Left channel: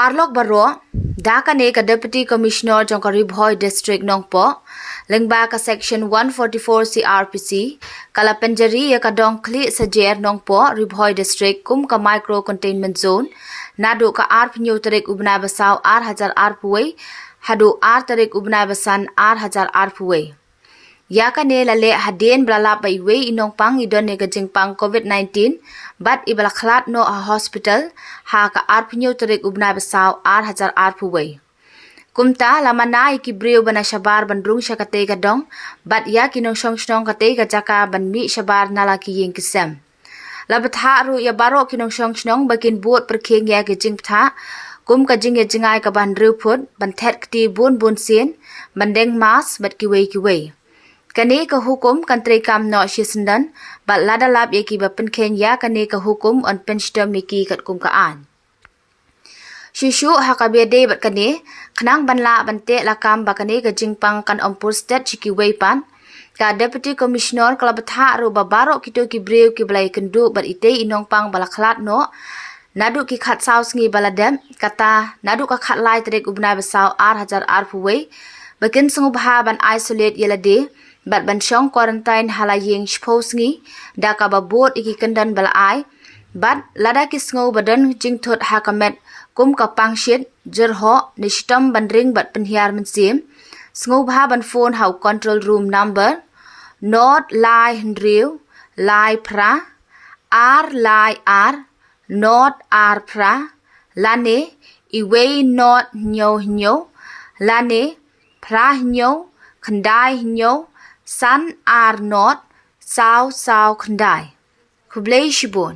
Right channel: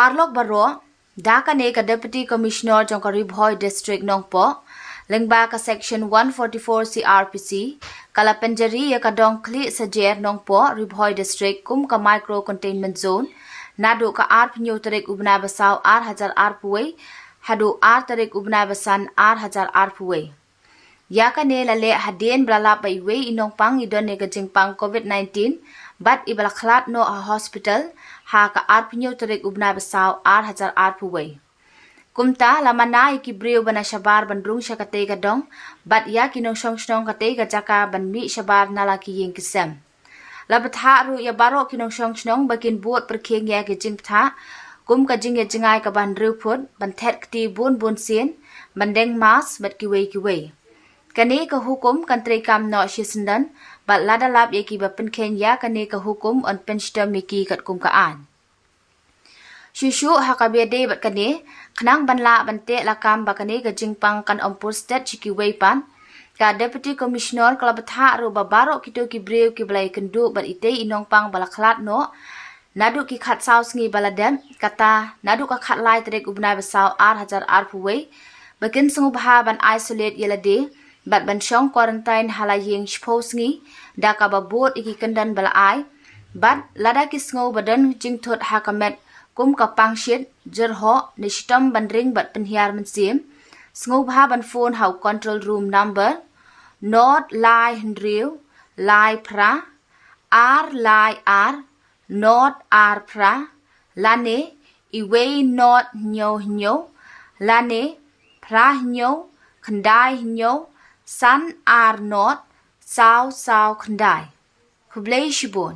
Parlok baro, daka ne ka Deputy Commissioner jong ka Ribhoy District Nongpoh, lengba ka Section 144 CRPC, kala pynjari ya ka dong khlieh Sajer Nongpoh Ribhoy District kum ka Micro Containment Zone, nadu ka arpnyo tarik ubna basaw hajar arpuwe, hadu tarik ubna basan hajar arpuwe. Yaka ne lale hadien brala baiwe inong pang idon ne gajing pang COVID-19 bat ibala khlat no a hospital ha ka arpnyo tarik ubna basaw hajar arpuwe. Kumta lamana iki breu bana shabar bandrung syakate gadong bat ya kinong shong kate gajaka ban mi shabar nalaki ying kisem. Labatha ru ya baro kinong shong bakin buat perkheng ya gajing ptha kum kajing ya jingai ka ban ruput ban thet kti bun sien bandeng mas bat kiwe. Kane ka hukum kantri kam no shisendan bat lada lab yaki ba penkhen ya kane ka hukum on penstem niki kat kum kaan. Shushu hakabede bat kane khnang banla bante lakam ba kane ka jingpang kan ompur state chiki pan ka Deputy Commissioner kalabatha ru babaro kito ki breu ki blai kendu bat ite inong pang balakhlat no nadu ki khat saus ngi baladem kata nadu ka khat lai trek ubna basaw hajar arpuwe bakin sungubha ban isolate yelade bat ban shong quarantine halayeng spose ngi daka ba bot iki kendan bala ai bat lada ki sngo badan jingthot hakamet kum ka pangshit jerho nishtam bandring bat penhiar mensim sngo ban phone how control room number not lie hendriu lie pra r lie r not r pra lane iwe not nyo lane pra nyo khandai nyo san r not sao khandai kublei shibon.